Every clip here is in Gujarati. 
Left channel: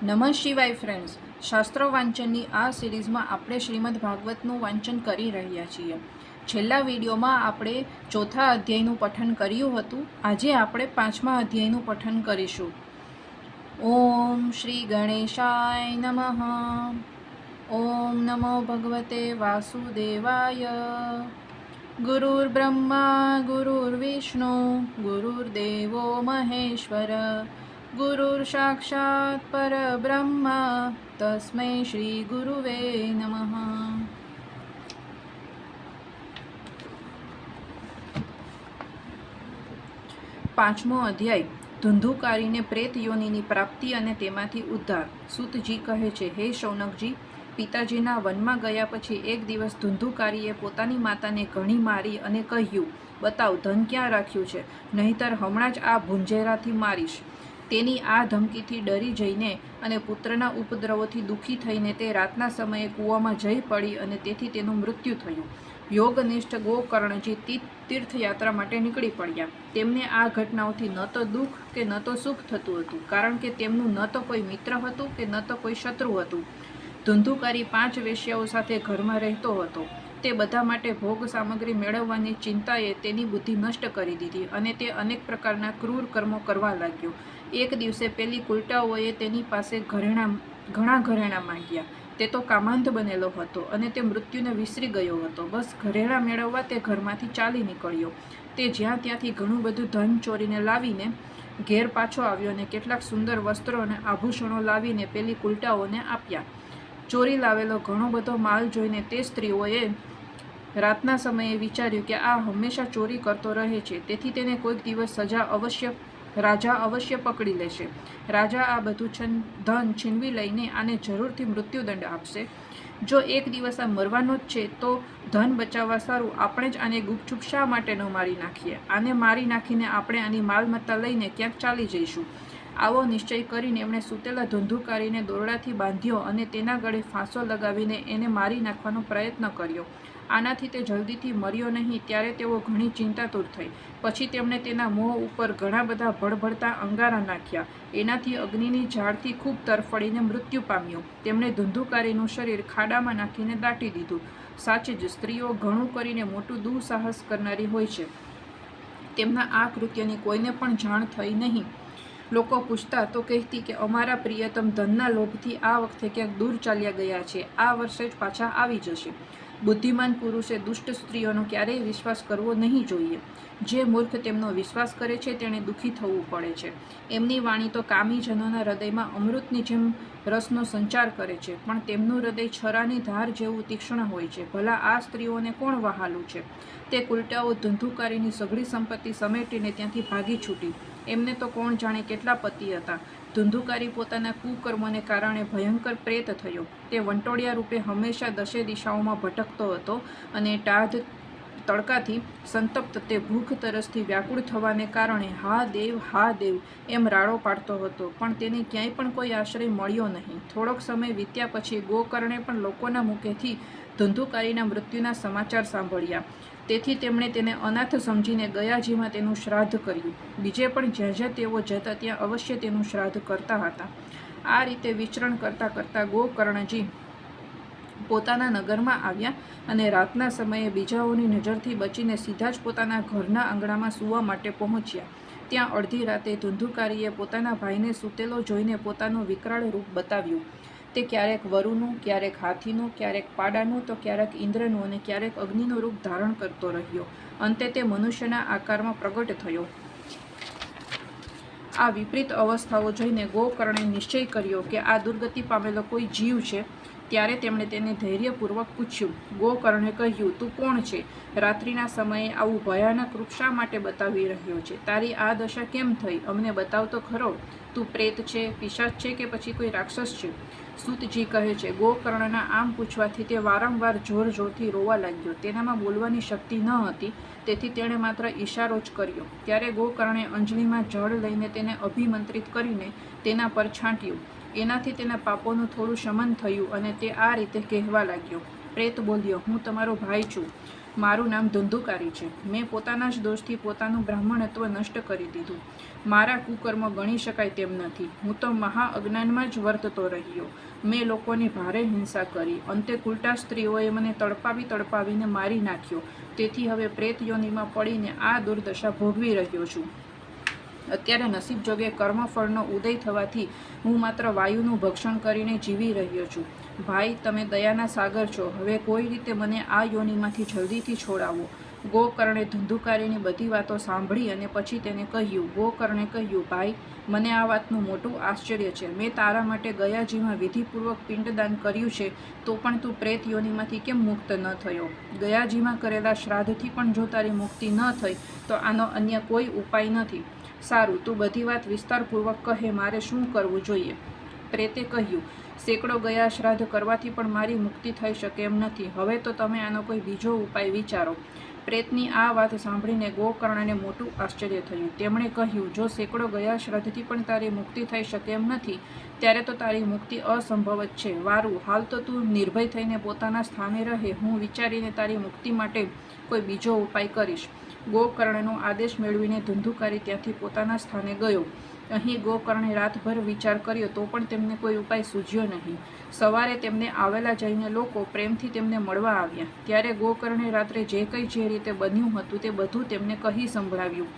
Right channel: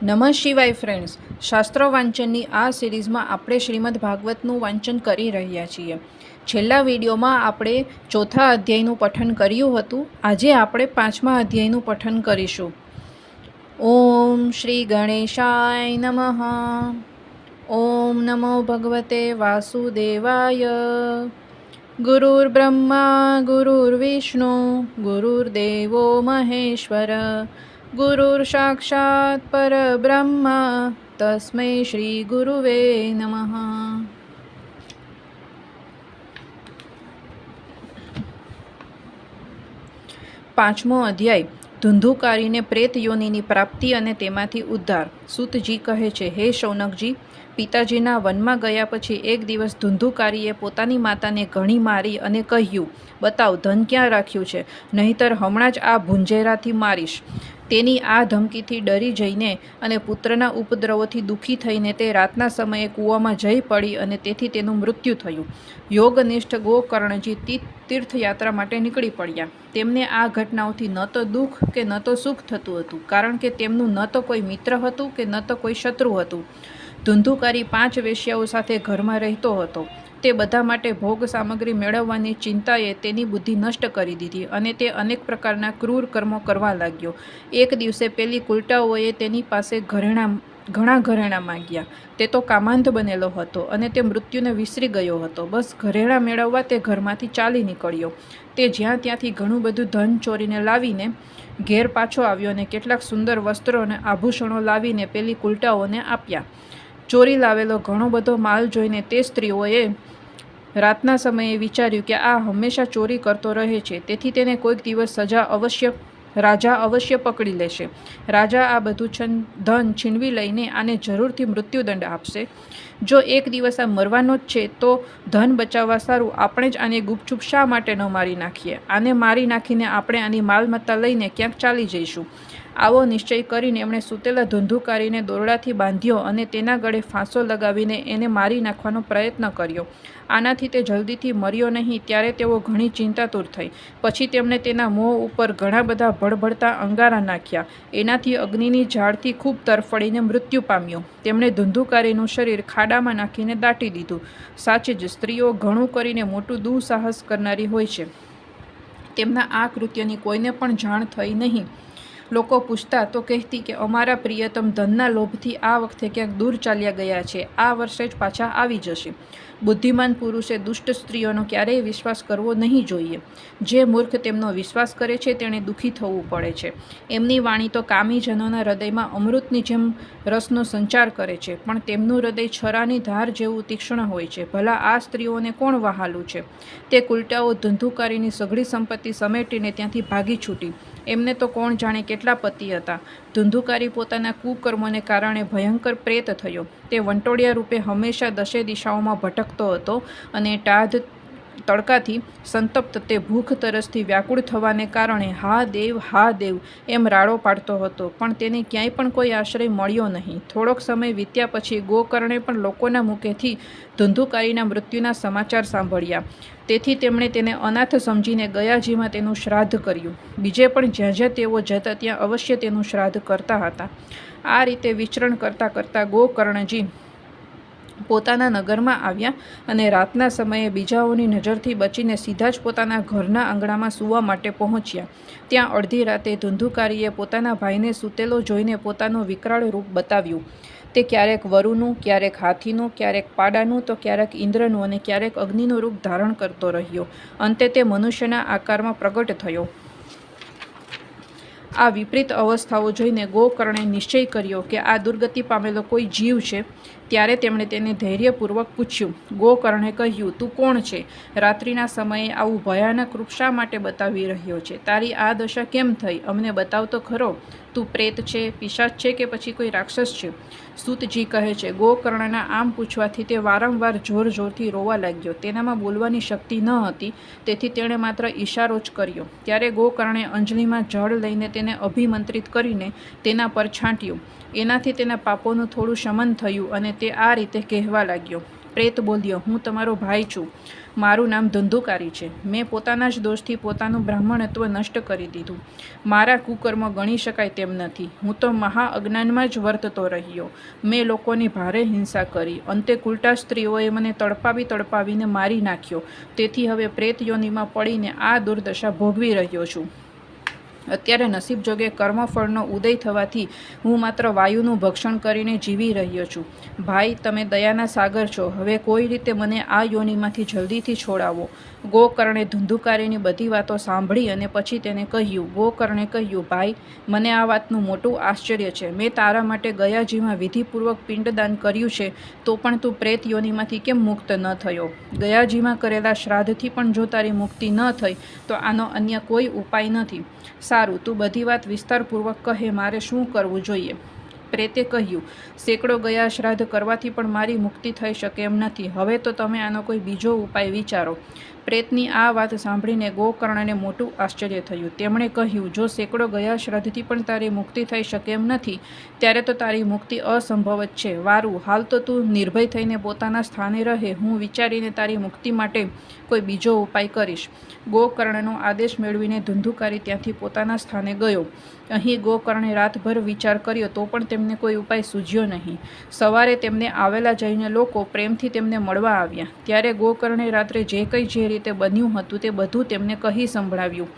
નમઃ શિવાય ફ્રેન્ડ્સ, શાસ્ત્ર વાંચનની આ સિરીઝમાં આપણે શ્રીમદ ભાગવતનું વાંચન કરી રહ્યા છીએ. છેલ્લા વિડીયોમાં આપણે ચોથા અધ્યાયનું પઠન કર્યું હતું. આજે આપણે પાંચમા અધ્યાયનું પઠન કરીશું. ઓમ શ્રી ગણેશાય નમઃ. ઓમ નમો ભગવતે વાસુદેવાય. ગુરુર્બ્રહ્મા ગુરુર્વિષ્ણુ ગુરુર્દેવો મહેશ્વર ગુરુર સાક્ષાત પરબ્રહ્મ તસ્મૈ શ્રી ગુરુવે નમઃ. પાંચમો અધ્યાય. ધુંધુકારીને પ્રેત યોનિની પ્રાપ્તિ અને તેમાંથી ઉદ્ધાર. સૂતજી કહે છે, હે શૌનકજી, પિતાજીના વનમાં ગયા પછી એક દિવસ ધુંધુકારીએ પોતાની માતાને ઘણી મારી અને કહ્યું, બતાવ ધન ક્યાં રાખ્યું છે, નહીંતર હમણાં જ આ ભુંજેરાથી મારીશ. તેની આ ધમકીથી ડરી જઈને અને પુત્રના ઉપદ્રવોથી દુઃખી થઈને તે રાતના સમયે કૂવામાં જઈ પડી અને તેથી તેનું મૃત્યુ થયું. યોગનિષ્ઠ ગોકર્ણજી તીર્થયાત્રા માટે નીકળી પડ્યા. તેમને આ ઘટનાઓથી ન તો દુઃખ કે ન તો સુખ થતું હતું, કારણ કે તેમનું ન તો કોઈ મિત્ર હતું કે ન તો કોઈ શત્રુ હતું. ધુંધુકારી 5 વેશ્યાઓ સાથે ઘરમાં રહેતો હતો. તે બધા માટે ભોગ સામગ્રી મેળવવાની ચિંતાએ તેની બુદ્ધિ નષ્ટ કરી દીધી અને તે અનેક પ્રકારના ક્રૂર કર્મો કરવા લાગ્યો. એક દિવસે પેલી કુલટાઓએ તેની પાસે ઘણા ઘરેણાં માંગ્યા. તે તો કામાંધ બનેલો હતો અને તે મૃત્યુને વિસરી ગયો હતો. બસ ઘરેણાં મેળવવા તે ઘરમાંથી ચાલી નીકળ્યો. તે જ્યાં ત્યાંથી ઘણું બધું ધન ચોરીને લાવીને ઘેર પાછો આવ્યો અને કેટલાક સુંદર વસ્ત્રો અને આભૂષણો લાવીને પેલી કુલટાઓને આપ્યા. ચોરી લાવેલો ઘણો બધો માલ જોઈને તે સ્ત્રીઓએ રાતના સમયે વિચાર્યું કે આ હંમેશા ચોરી કરતો રહે છે, તેથી તેને કોઈક દિવસ રાજા અવશ્ય પકડી લેશે. રાજા આ બધું ધન છીનવી લઈને આને જરૂરથી મૃત્યુદંડ આપશે. જો એક દિવસ આ મરવાનો જ છે તો ધન બચાવવા સારું આપણે જ આને ગુપચુપ શા માટે ન મારી નાખીએ. આને મારી નાખીને આપણે આની માલમત્તા લઈને ક્યાંક ચાલી જઈશું. આવો નિશ્ચય કરીને એમણે સૂતેલા ધુંધુકારીને દોરડાથી બાંધ્યો અને તેના ગળે ફાંસો લગાવીને એને મારી નાખવાનો પ્રયત્ન કર્યો. આનાથી તે જલ્દીથી મર્યો નહીં ત્યારે તેઓ ઘણી ચિંતાતુર થઈ. પછી તેમણે તેના મોં ઉપર ઘણા બધા ભડભડતા અંગારા નાખ્યા. એનાથી અગ્નિની ઝાળથી ખૂબ તરફડીને મૃત્યુ પામ્યો. તેમણે ધુંધુકારીનું શરીર ખાડામાં નાખીને દાટી દીધું. સાચે જ સ્ત્રીઓ ઘણું કરીને મોટું દુઃસાહસ કરનારી હોય છે. તેમના આ કૃત્યની કોઈને પણ જાણ થઈ નહીં. લોકો પૂછતા તો કહેતી કે અમારા પ્રિયતમ ધનના લોભથી આ વખતે ક્યાંક દૂર ચાલ્યા ગયા છે, આ વર્ષે જ પાછા આવી જશે. બુદ્ધિમાન પુરુષે દુષ્ટ સ્ત્રીઓનો ક્યારેય વિશ્વાસ કરવો નહીં જોઈએ. જે મૂર્ખ તેમનો વિશ્વાસ કરે છે તેણે દુઃખી થવું પડે છે. એમની વાણી તો કામીજનોના હૃદયમાં અમૃતની જેમ રસનો સંચાર કરે છે, પણ તેમનું હૃદય છરાની ધાર જેવું તીક્ષ્ણ હોય છે. ભલા આ સ્ત્રીઓને કોણ વહાલું છે? તે કુલટાઓ ધુંધુકારીની સઘળી સંપત્તિ સમેટીને ત્યાંથી ભાગી છૂટી. એમને તો કોણ જાણે કેટલા પતિ હતા. ધુંધુકારી પોતાના કુકર્મોને કારણે ભયંકર પ્રેત થયો. તે વંટોળિયા રૂપે હંમેશા દશે દિશાઓમાં ભટકતો હતો અને ટાઢ તડકાથી સંતપ્ત તે ભૂખ તરસથી વ્યાકુળ થવાને કારણે હા દેવ એમ રાડો પાડતો હતો, પણ તેને ક્યાંય પણ કોઈ આશ્રય મળ્યો નહીં. થોડોક સમય વીત્યા પછી ગોકર્ણે પણ લોકોના મુખેથી ધુંધુકારીના મૃત્યુના સમાચાર સાંભળ્યા. તેથી તેમણે તેને અનાથ સમજીને ગયાજીમાં તેનું શ્રાદ્ધ કર્યું. બીજે પણ જ્યાં જ્યાં તેઓ જતા ત્યાં અવશ્ય તેનું શ્રાદ્ધ કરતા હતા. આ રીતે વિચરણ કરતાં કરતાં ગોકર્ણજી પોતાના નગરમાં આવ્યા અને રાતના સમયે બીજાઓની નજરથી બચીને સીધા જ પોતાના ઘરના આંગણામાં સૂવા માટે પહોંચ્યા. ત્યાં અડધી રાતે ધુંધુકારીએ પોતાના ભાઈને સૂતેલો જોઈને પોતાનું વિકરાળ રૂપ બતાવ્યું. તે ક્યારેક વરુનું, ક્યારેક હાથીનું, ક્યારેક પાડાનું તો ક્યારેક ઇન્દ્રનું અને ક્યારેક અગ્નિનું રૂપ ધારણ કરતો રહ્યો. અંતે તે મનુષ્યના આકારમાં પ્રગટ થયો. આ વિપરીત અવસ્થાઓ જોઈને ગોકર્ણે નિશ્ચય કર્યો કે આ દુર્ગતિ પામેલો કોઈ જીવ છે. ત્યારે તેમણે તેને ધૈર્યપૂર્વક પૂછ્યું. ગોકર્ણે કહ્યું, તું કોણ છે? રાત્રિના સમયે આવું ભયાનક રૂપ શા માટે બતાવી રહ્યો છે? તારી આ દશા કેમ થઈ? અમને બતાવ તો ખરો. તું પ્રેત છે, પિશાચ છે કે પછી કોઈ રાક્ષસ છે? સૂતજી કહે છે, ગોકર્ણના આમ પૂછવાથી તે વારંવાર જોર જોરથી રોવા લાગ્યો. તેનામાં બોલવાની શક્તિ ન હતી, તેથી તેણે માત્ર ઈશારો જ કર્યો. ત્યારે ગોકર્ણે અંજળીમાં જળ લઈને તેને અભિમંત્રિત કરીને તેના પર છાંટ્યું. એનાથી તેના પાપોનું થોડું શમન થયું અને તે આ રીતે કહેવા લાગ્યો. પ્રેત બોલ્યો, હું તમારો ભાઈ છું. મારું નામ ધુંધુકારી છે. મેં પોતાના જ દોષથી પોતાનું બ્રાહ્મણત્વ નષ્ટ કરી દીધું. મારા કુકર્મ ગણી શકાય તેમ નથી. હું તો મહા અજ્ઞાનમાં જ વર્તતો રહ્યો. મેં લોકોની ભારે હિંસા કરી. અંતે કુલટા સ્ત્રીઓએ મને તડપાવીને મારી નાખ્યો. તેથી હવે પ્રેત યોનિમાં પડીને આ દુર્દશા ભોગવી રહ્યો છું. અત્યારે નસીબ જોગે કર્મફળનો ઉદય થવાથી હું માત્ર વાયુનું ભક્ષણ કરીને જીવી રહ્યો છું. ભાઈ, તમે દયાના સાગર છો. હવે કોઈ રીતે મને આ યોનિમાંથી જલ્દીથી છોડાવો. ગોકર્ણે ધુંધુકારીની બધી વાતો સાંભળી અને પછી તેને કહ્યું. ગોકર્ણે કહ્યું, ભાઈ, મને આ વાતનું મોટું આશ્ચર્ય છે. મેં તારા માટે ગયાજીમાં વિધિપૂર્વક પિંડદાન કર્યું છે, તો પણ તું પ્રેત યોનિમાંથી કેમ મુક્ત ન થયો? ગયાજીમાં કરેલા શ્રાદ્ધથી પણ જો તારી મુક્તિ ન થઈ તો આનો અન્ય કોઈ ઉપાય નથી. સારું, તું બધી વાત વિસ્તારપૂર્વક કહે. મારે શું કરવું જોઈએ? પ્રેતે કહ્યું, સેંકડો ગયા શ્રાદ્ધ કરવાથી પણ મારી મુક્તિ થઈ શકે એમ નથી. હવે તો તમે આનો કોઈ બીજો ઉપાય વિચારો. પ્રેતની આ વાત સાંભળીને ગોકર્ણને મોટું આશ્ચર્ય થયું. તેમણે કહ્યું, જો સેંકડો ગયા શ્રાદ્ધથી પણ તારી મુક્તિ થઈ શકે એમ નથી, ત્યારે તો તારી મુક્તિ અસંભવ જ છે. વારું, હાલ તો તું નિર્ભય થઈને પોતાના સ્થાને રહે. હું વિચારીને તારી મુક્તિ માટે કોઈ બીજો ઉપાય કરીશ. ગોકર્ણનો આદેશ મેળવીને ધુંધુકારી ત્યાંથી પોતાના સ્થાને ગયો. અહીં ગોકર્ણે રાતભર વિચાર કર્યો તો પણ તેમને કોઈ ઉપાય સૂઝ્યો નહીં. સવારે તેમને આવેલા જઈને લોકો પ્રેમથી તેમને મળવા આવ્યા. ત્યારે ગોકર્ણે રાત્રે જે રીતે બન્યું હતું તે બધું તેમને કહી સંભળાવ્યું.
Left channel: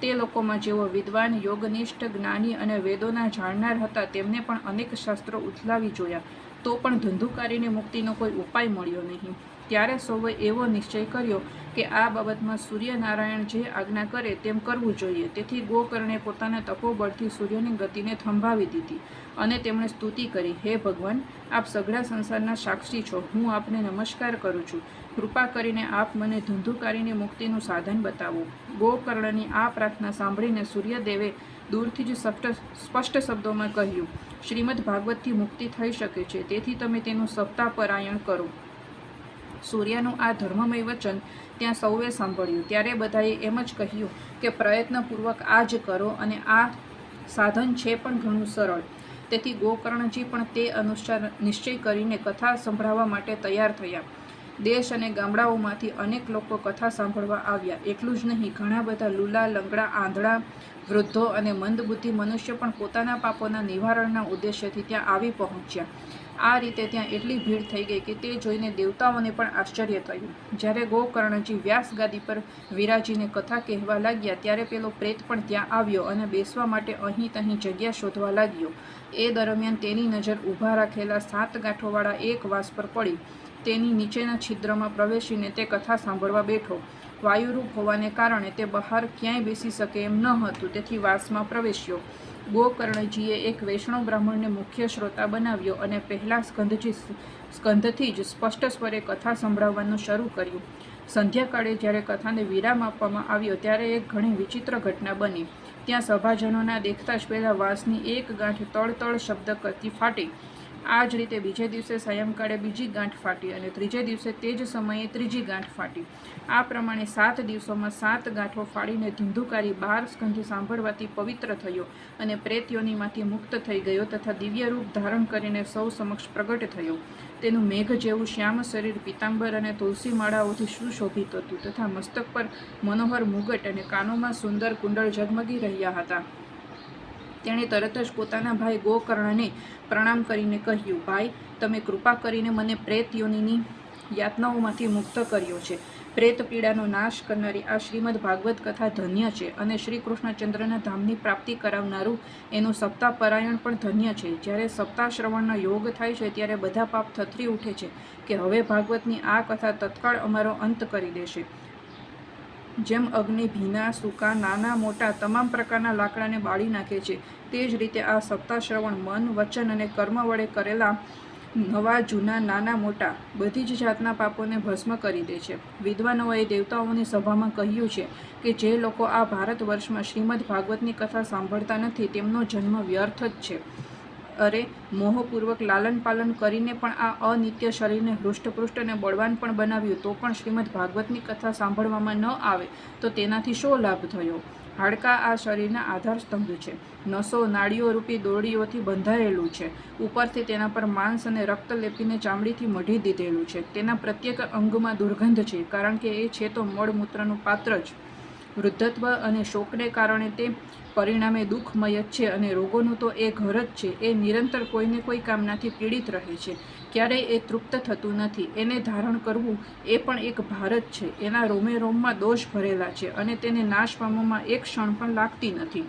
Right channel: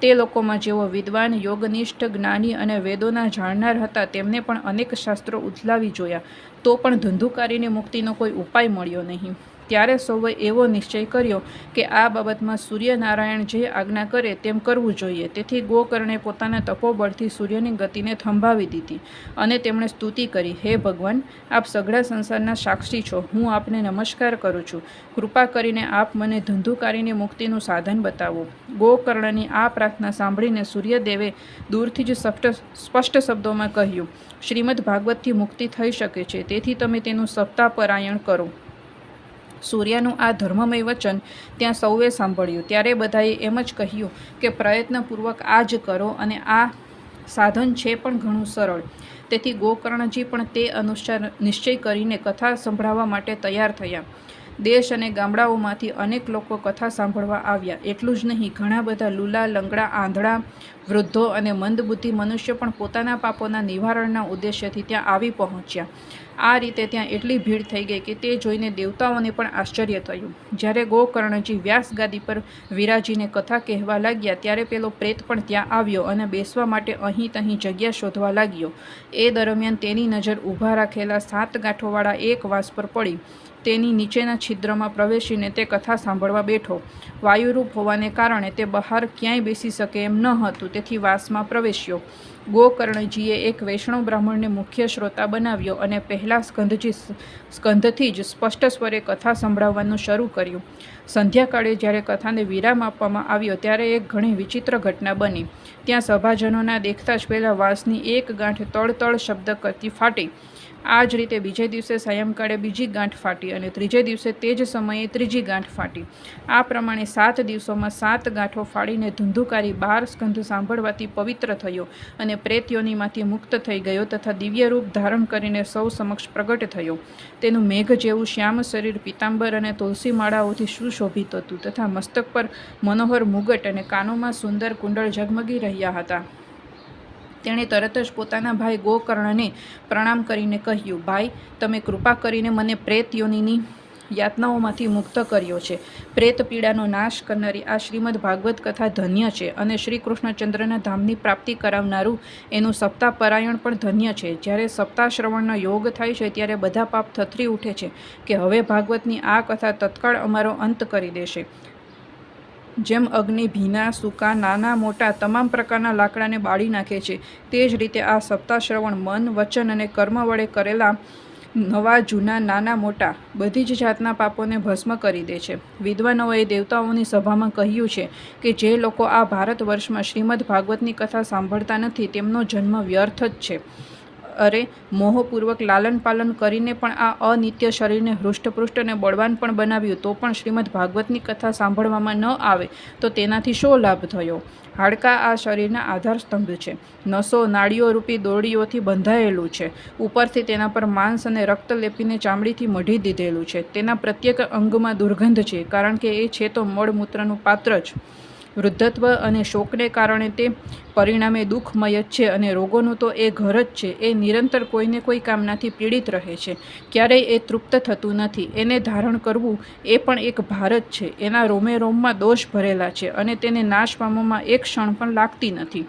તે લોકોમાં જેઓ વિદ્વાન, યોગનિષ્ઠ, જ્ઞાની અને વેદોના જાણનાર હતા, તેમને પણ અનેક શાસ્ત્રો ઉથલાવી જોયા, તો પણ ધુંધુકારીની મુક્તિનો કોઈ ઉપાય મળ્યો નહીં. ત્યારે સૌએ એવો નિશ્ચય કર્યો કે આ બાબતમાં સૂર્યનારાયણ જે આજ્ઞા કરે તેમ કરવું જોઈએ. તેથી ગોકર્ણે પોતાના તપોબળથી સૂર્યની ગતિને થંભાવી દીધી અને તેમણે સ્તુતિ કરી, હે ભગવાન, આપ સઘળા સંસારના સાક્ષી છો. હું આપને નમસ્કાર કરું છું. કૃપા કરીને આપ મને ધુંધુકારીની મુક્તિનું સાધન બતાવો. ગોકર્ણની આ પ્રાર્થના સાંભળીને સૂર્યદેવે દૂરથી જ સ્પષ્ટ શબ્દોમાં કહ્યું, શ્રીમદ ભાગવતથી મુક્તિ થઈ શકે છે, તેથી તમે તેનું સપ્તાહ પારાયણ કરો. સૂર્યનું આ ધર્મમય વચન ત્યાં સૌએ સાંભળ્યું. ત્યારે બધાએ એમ જ કહ્યું કે પ્રયત્નપૂર્વક આ જ કરો, અને આ સાધન છે પણ ઘણું સરળ. તેથી ગોકર્ણજી પણ તે અનુસાર નિશ્ચય કરીને કથા સંભળાવવા માટે તૈયાર થયા. દેશ અને ગામડાઓમાંથી અનેક લોકો કથા સાંભળવા આવ્યા. એટલું જ નહીં, ઘણા બધા લૂલા, લંગડા, આંધળા, વૃદ્ધો અને મંદબુદ્ધિ મનુષ્ય પણ પોતાના પાપોના નિવારણના ઉદ્દેશ્યથી ત્યાં આવી પહોંચ્યા. આ રીતે ત્યાં એટલી ભીડ થઈ ગઈ કે તે જોઈને દેવતાઓને પણ આશ્ચર્ય થયું. જ્યારે ગોકર્ણજી વ્યાસ ગાદી પર વિરાજીને કથા કહેવા લાગ્યા, ત્યારે પેલો પ્રેત પણ ત્યાં આવ્યો અને બેસવા માટે અહીં તહીં જગ્યા શોધવા લાગ્યો. એ દરમિયાન તેની નજર ઊભા રાખેલા 7 ગાંઠોવાળા એક વાંસ પર પડી. તેની નીચેના છિદ્રમાં પ્રવેશીને તે કથા સાંભળવા બેઠો. વાયુરૂપ હોવાને કારણે તે બહાર ક્યાંય બેસી શકે એમ ન હતું, તેથી વાસમાં પ્રવેશ્યો. ગોકર્ણજીએ એક વૈષ્ણવ બ્રાહ્મણને મુખ્ય શ્રોતા બનાવ્યો અને પહેલા સ્કંધથી જ સ્પષ્ટ સ્વરે કથા સંભળાવવાનું શરૂ કર્યું. સંધ્યાકાળે જ્યારે કથાને વિરામ આપવામાં આવ્યો, ત્યારે એક ઘણી વિચિત્ર ઘટના બની. ત્યાં સભાજનોના દેખતા જ પહેલાં વાંસની એક ગાંઠ તળ શબ્દ કરતી ફાટી. આ જ રીતે બીજે દિવસે સાયંકાળે બીજી ગાંઠ ફાટી અને ત્રીજે દિવસે તે જ સમયે ત્રીજી ગાંઠ ફાટી. આ પ્રમાણે 7 દિવસોમાં 7 ગાંઠો ફાડીને ધુંધુકારી 12 સ્કંધ સાંભળવાથી પવિત્ર થયો અને પ્રેતયોનીમાંથી મુક્ત થઈ ગયો તથા દિવ્ય રૂપ ધારણ કરીને સૌ સમક્ષ પ્રગટ થયો. તેનું મેઘ જેવું શ્યામ શરીર પીતાંબર અને તુલસી માળાઓથી સુશોભિત હતું તથા મસ્તક પર મનોહર મુગટ અને કાનોમાં સુંદર કુંડળ ઝગમગી રહ્યા હતા. તેણે તરત જ પોતાના ભાઈ ગોકર્ણને પ્રણામ કરીને કહ્યું, ભાઈ, તમે કૃપા કરીને મને પ્રેત યોનિની યાતનાઓમાંથી મુક્ત કર્યો છે. પ્રેત પીડાનો નાશ કરનારી આ શ્રીમદ ભાગવત કથા ધન્ય છે અને શ્રી કૃષ્ણચંદ્રના ધામની પ્રાપ્તિ કરાવનારું એનું સપ્તાહ પરાયણ પણ ધન્ય છે. જ્યારે સપ્તાહ શ્રવણનો યોગ થાય છે ત્યારે બધા પાપ થથરી ઉઠે છે કે હવે ભાગવતની આ કથા તત્કાળ અમારો અંત કરી દેશે. જેમ અગ્નિ ભીના, સૂકા, નાના મોટા તમામ પ્રકારના લાકડાને બાળી નાખે છે, તે જ રીતે આ સપ્તાહ શ્રવણ મન, વચન અને કર્મ વડે કરેલા નવા, જૂના, નાના મોટા બધી જ જાતના પાપોને ભસ્મ કરી દે છે. વિદ્વાનોએ દેવતાઓની સભામાં કહ્યું છે કે જે લોકો આ ભારત વર્ષમાં શ્રીમદ ભાગવતની કથા સાંભળતા નથી તેમનો જન્મ વ્યર્થ જ છે. અરે મોહપૂર્વક લાલન પાલન કરીને પણ આ અનિત્ય શરીરને હૃષ્ટપૃષ્ટ અને બળવાન પણ બનાવ્યું, તો પણ શ્રીમદ ભાગવતની કથા સાંભળવામાં ન આવે તો તેનાથી શો લાભ થયો? હાડકાં આ શરીરના આધારસ્તંભ છે. નસો નાડીઓ રૂપી દોરડીઓથી બંધાયેલું છે. ઉપરથી તેના પર માંસ અને રક્ત લેપીને ચામડીથી મઢી દીધેલું છે. તેના પ્રત્યેક અંગમાં દુર્ગંધ છે, કારણ કે એ છે તો મળમૂત્રનું પાત્ર જ. વૃદ્ધત્વ અને શોકને કારણે તે પરિણામે દુઃખમય જ છે, અને રોગોનું તો એ ઘર જ છે. એ નિરંતર કોઈને કોઈ કામનાથી પીડિત રહે છે. ક્યારેય એ તૃપ્ત થતું નથી. એને ધારણ કરવું એ પણ એક ભાર જ છે. એના રોમે રોમમાં દોષ ભરેલા છે, અને તેને નાશ પામવામાં એક ક્ષણ પણ લાગતી નથી.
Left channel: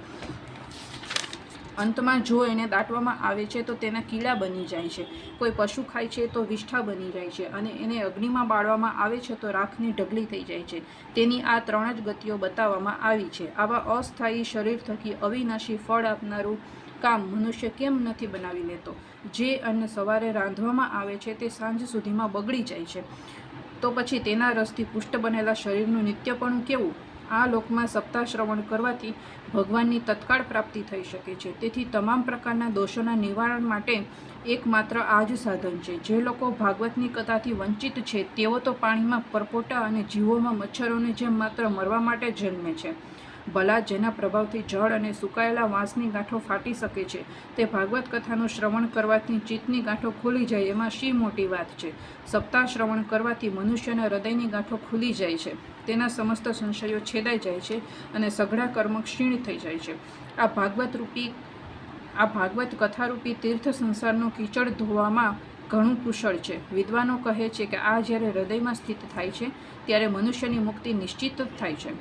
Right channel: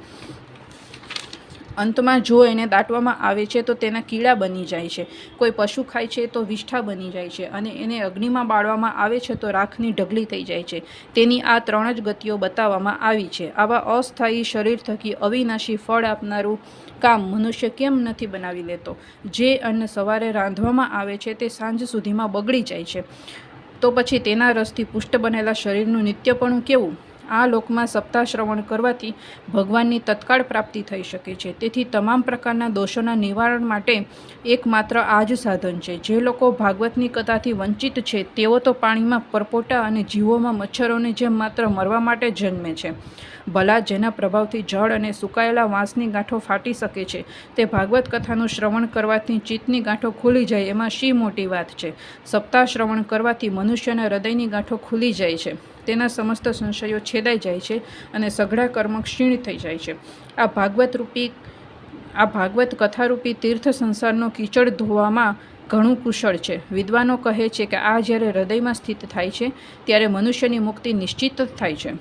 અંતમાં જો એને દાટવામાં આવે છે તો તેના કીડા બની જાય છે. કોઈ પશુ ખાય છે તો વિષ્ઠા બની જાય છે, અને એને અગ્નિમાં બાળવામાં આવે છે તો રાખની ઢગલી થઈ જાય છે. તેની આ 3 જ ગતિઓ બતાવવામાં આવી છે. આવા અસ્થાયી શરીર થકી અવિનાશી ફળ આપનારું કામ મનુષ્ય કેમ નથી બનાવી લેતો? જે અન્ન સવારે રાંધવામાં આવે છે તે સાંજ સુધીમાં બગડી જાય છે, તો પછી તેના રસથી પુષ્ટ બનેલા શરીરનું નિત્યપણું કેવું? આ લોકમાં સપ્તાહ શ્રવણ કરવાથી ભગવાનની તત્કાળ પ્રાપ્તિ થઈ શકે છે. તેથી તમામ પ્રકારના દોષોના નિવારણ માટે એકમાત્ર આ જ સાધન છે. જે લોકો ભાગવતની કથાથી વંચિત છે તેઓ તો પાણીમાં પરપોટા અને જીવોમાં મચ્છરોની જેમ માત્ર મરવા માટે જન્મે છે. ભલા જેના પ્રભાવથી જળ અને સુકાયેલા વાંસની ગાંઠો ફાટી શકે છે, તે ભાગવત કથાનું શ્રવણ કરવાથી ચિત્તની ગાંઠો ખુલી જાય એમાં શી મોટી વાત છે? સપ્તાહ શ્રવણ કરવાથી મનુષ્યના હૃદયની ગાંઠો ખુલી જાય છે, તેના સમસ્ત સંશયો છેદાઈ જાય છે, અને સઘળા કર્મ ક્ષીણ થઈ જાય છે. આ ભાગવત કથારૂપી તીર્થ સંસારનો કીચડ ધોવામાં ઘણું કુશળ છે. વિદ્વાનો કહે છે કે આ જ્યારે હૃદયમાં સ્થિત થાય છે ત્યારે મનુષ્યની મુક્તિ નિશ્ચિત થાય છે.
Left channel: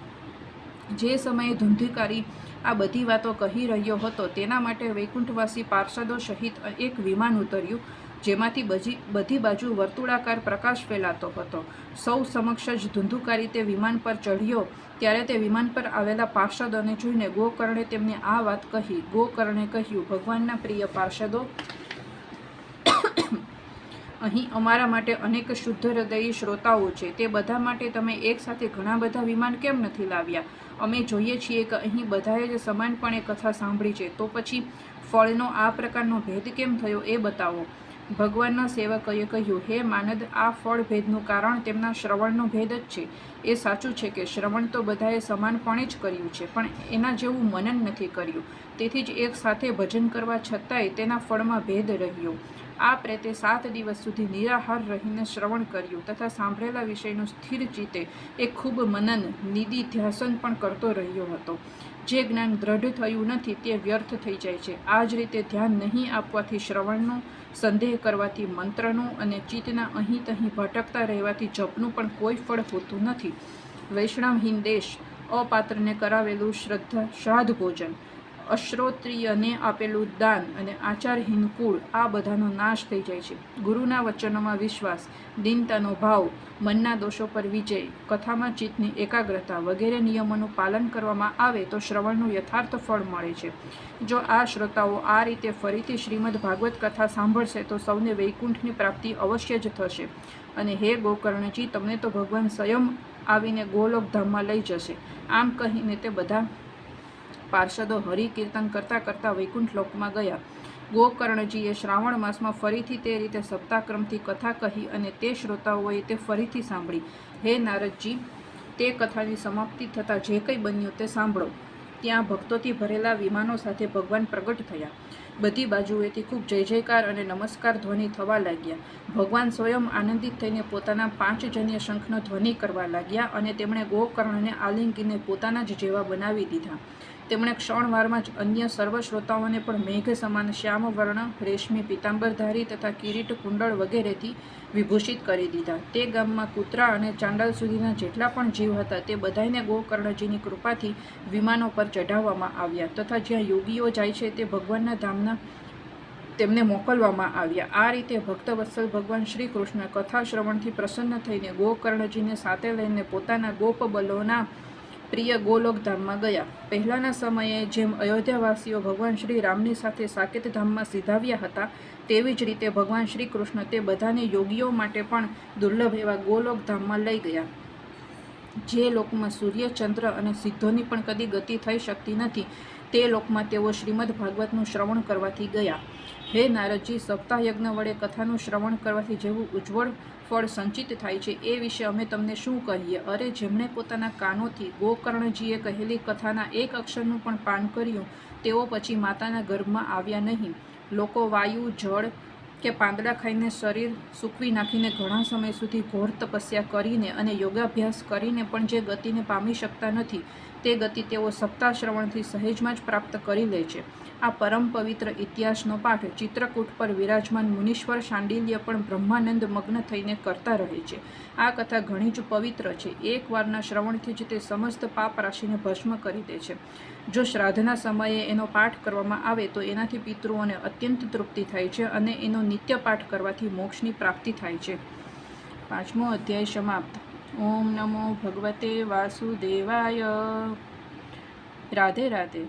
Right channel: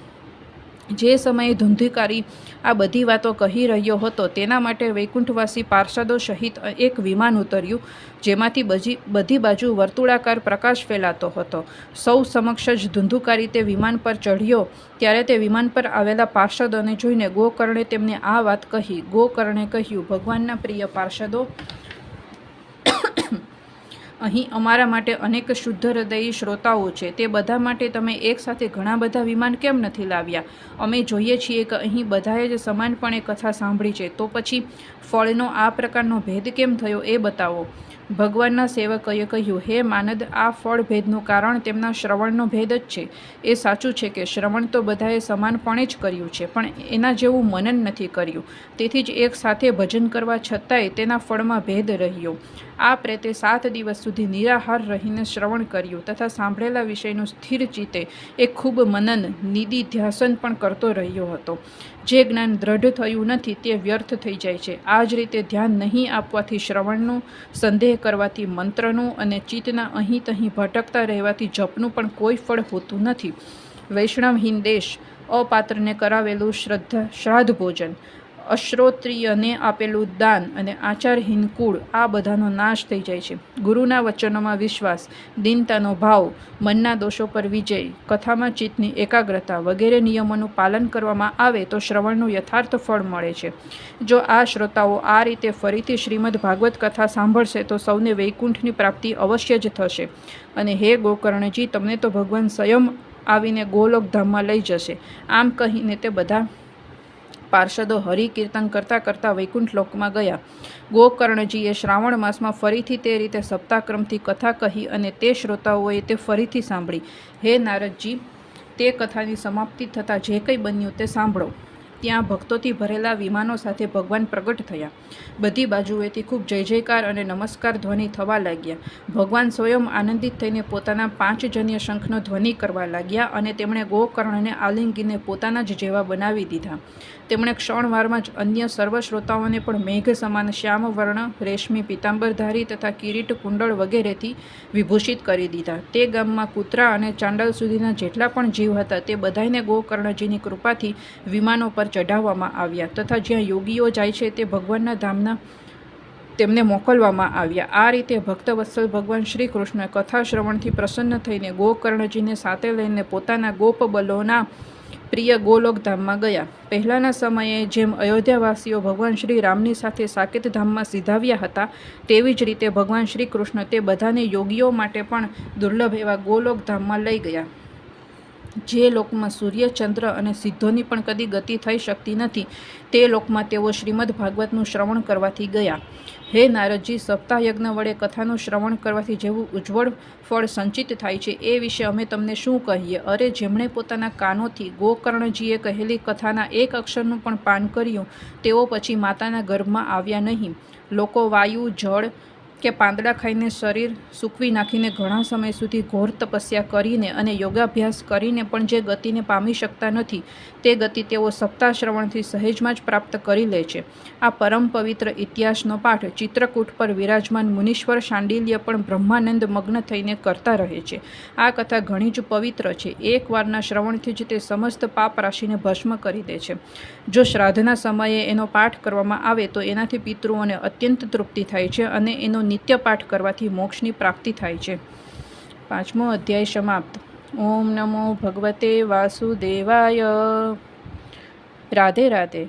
જે સમયે ધુંધુકારી આ બધી વાતો કહી રહ્યો હતો તેના માટે વૈકુંઠવાસી પાર્ષદો સહિત એક વિમાન ઉતર્યું, જેમાંથી બધી બાજુ વર્તુળાકાર પ્રકાશ ફેલાતો હતો. સૌ સમક્ષ જ ધુંધુકારી તે વિમાન પર ચઢ્યો ત્યારે તે વિમાન પર આવેલા પાર્ષદોને જોઈને ગોકર્ણે તેમને આ વાત કહી. ગોકર્ણે કહ્યું, ભગવાનના પ્રિય પાર્ષદો, અહીં અમારા માટે અનેક શુદ્ધ હૃદયી શ્રોતાઓ છે. તે બધા માટે તમે એક સાથે ઘણા બધા વિમાન કેમ નથી લાવ્યા? અમે જોઈએ છીએ કે અહીં બધાએ જ સમાનપણે કથા સાંભળી છે, તો પછી ફળનો આ પ્રકારનો ભેદ કેમ થયો એ બતાવો. ભગવાનના સેવકોએ કહ્યું, હે માનદ, આ ફળ ભેદનું કારણ તેમના શ્રવણનો ભેદ જ છે. એ સાચું છે કે શ્રવણ તો બધાએ સમાનપણે જ કર્યું છે, પણ એના જેવું મનન નથી કર્યું. તેથી જ એક સાથે ભજન કરવા છતાંય તેના ફળમાં ભેદ રહ્યો. આ પ્રેતે 7 દિવસ સુધી નિરાહાર રહીને શ્રવણ કર્યું તથા સાંભળેલા વિષયનું સ્થિર ચિત્તે એ ખૂબ મનન નિધિધ્યાસન પણ કરતો રહ્યો હતો. જે જ્ઞાન દ્રઢ થયું નથી તે વ્યર્થ થઈ જાય છે. આ જ રીતે ધ્યાન નહીં આપવાથી શ્રવણનું, સંદેહ કરવાથી મંત્રનું, અને ચિત્તના અહીં તહીં ભટકતા રહેવાથી જપનું પણ કોઈ ફળ હોતું નથી. વૈષ્ણવહીન દેશ, અપાત્રને કરાવેલું શ્રાદ્ધ ભોજન, અશ્રોત્રિયને આપેલું દાન અને આચારહીન કુળ, આ બધાનો નાશ થઈ જાય છે. ગુરુના વચનોમાં વિશ્વાસ, દીનતાનો ભાવ, મનના દોષો પર વિજય, કથામાં ચિત્તની એકાગ્રતા વગેરે નિયમોનું પાલન કરવામાં આવે તો શ્રવણનું યથાર્થ ફળ મળે છે. જો આ શ્રોતાઓ આ રીતે ફરીથી શ્રીમદ ભાગવત કથા સાંભળશે તો સૌને વૈકુંઠની પ્રાપ્તિ અવશ્ય જ થશે. અને હે ગોકર્ણજી, તમને તો ભગવાન સ્વયં આવીને ગોલોક ધામમાં લઈ જશે. આમ કહીને તે બધા પાર્ષદો હરિકીર્તન કરતાં કરતાં વૈકુંઠ લોકમાં ગયા. ગોકર્ણજીએ શ્રાવણ માસમાં ફરીથી તે રીતે સપ્તાહક્રમથી કથા કહી અને તે શ્રોતાઓએ તે ફરીથી સાંભળી. હે નારદજી, તે કથાની સમાપ્તિ થતાં જે કંઈ બન્યું તે સાંભળો. ત્યાં ભક્તોથી ભરેલા વિમાનો સાથે ભગવાન પ્રગટ થયા. બધી બાજુએથી ખૂબ જય જયકાર અને નમસ્કાર ધ્વનિ થવા લાગ્યા. ભગવાન સ્વયં આનંદિત થઈને પોતાના 5 જન્ય શંખનો ધ્વનિ કરવા લાગ્યા, અને તેમણે ગોકર્ણને આલિંગીને પોતાના જ જેવા બનાવી દીધા. તેમણે ક્ષણવારમાં જ અન્ય સર્વ શ્રોતાઓને પણ મેઘ સમાન શ્યામ વર્ણ, રેશમી પીતાંબરધારી તથા કિરીટ કુંડળ વગેરેથી વિભૂષિત કરી દીધા. તે ગામમાં કૂતરા અને ચાંડાલ સુધીના જેટલા પણ જીવ હતા તે બધાયને ગોકર્ણજીની કૃપાથી વિમાનો પર ચઢાવવામાં આવ્યા, તથા જ્યાં યોગીઓ જાય છે તે ભગવાનના ધામના તેમને મોકલવામાં આવ્યા. આ રીતે ભક્તવત્સલ ભગવાન શ્રી કૃષ્ણ કથા શ્રવણથી પ્રસન્ન થઈને ગોકર્ણજીને સાથે લઈને પોતાના ગોપબલોના પ્રિય ગોલોક ધામમાં ગયા. પહેલાંના સમયે જેમ અયોધ્યાવાસીઓ ભગવાન શ્રી રામની સાથે સાકેત ધામમાં સિધાવ્યા હતા, તેવી જ રીતે ભગવાન શ્રી કૃષ્ણ તે બધાને યોગીઓ માટે પણ દુર્લભ એવા ગોલોક ધામમાં લઈ ગયા. જે લોકમાં સૂર્ય, ચંદ્ર અને સિદ્ધોની પણ કદી ગતિ થઈ શકતી નથી, તે લોકમાં તેઓ શ્રીમદ ભાગવતનું શ્રવણ કરવાથી ગયા. હે નારદજી, સપ્તાહયજ્ઞ વડે કથાનું શ્રવણ કરવાથી જેવું ઉજ્જવળ ફળ સંચિત થાય છે, એ વિશે અમે તમને શું કહીએ? અરે, જેમણે પોતાના કાનોથી ગોકર્ણજીએ કહેલી કથાના એક અક્ષરનું પણ પાન કર્યું, તેઓ પછી માતાના ગર્ભમાં આવ્યા નહીં. લોકો વાયુ, જળ કે પાંદડા ખાઈને શરીર સૂકવી નાખીને ઘણા સમય સુધી ઘોર તપસ્યા કરીને અને યોગાભ્યાસ કરીને પણ જે ગતિને પામી શકતા નથી, તે ગતિ તેઓ સપ્તાહ શ્રવણથી સહેજમાં જ પ્રાપ્ત કરી લે છે. આ પરમ પવિત્ર ઇતિહાસનો પાઠ ચિત્રકૂટ પર વિરાજમાન મુનીશ્વર શાંડિલ્ય પણ બ્રહ્માનંદ મગ્ન થઈને કરતા રહે છે. આ કથા ઘણી જ પવિત્ર છે. એક વારના શ્રવણથી જ તે સમસ્ત પાપ રાશિને ભસ્મ કરી દે છે. જો શ્રાદ્ધના સમયે એનો પાઠ કરવામાં આવે તો એનાથી પિતૃઓને અત્યંત તૃપ્તિ થાય છે અને એનો નિત્ય પાઠ કરવાથી મોક્ષની પ્રાપ્તિ થાય છે. 5મો અધ્યાય સમાપ્ત. ઓમ નમો ભગવતે વાસુદેવાય. રાધે રાધે.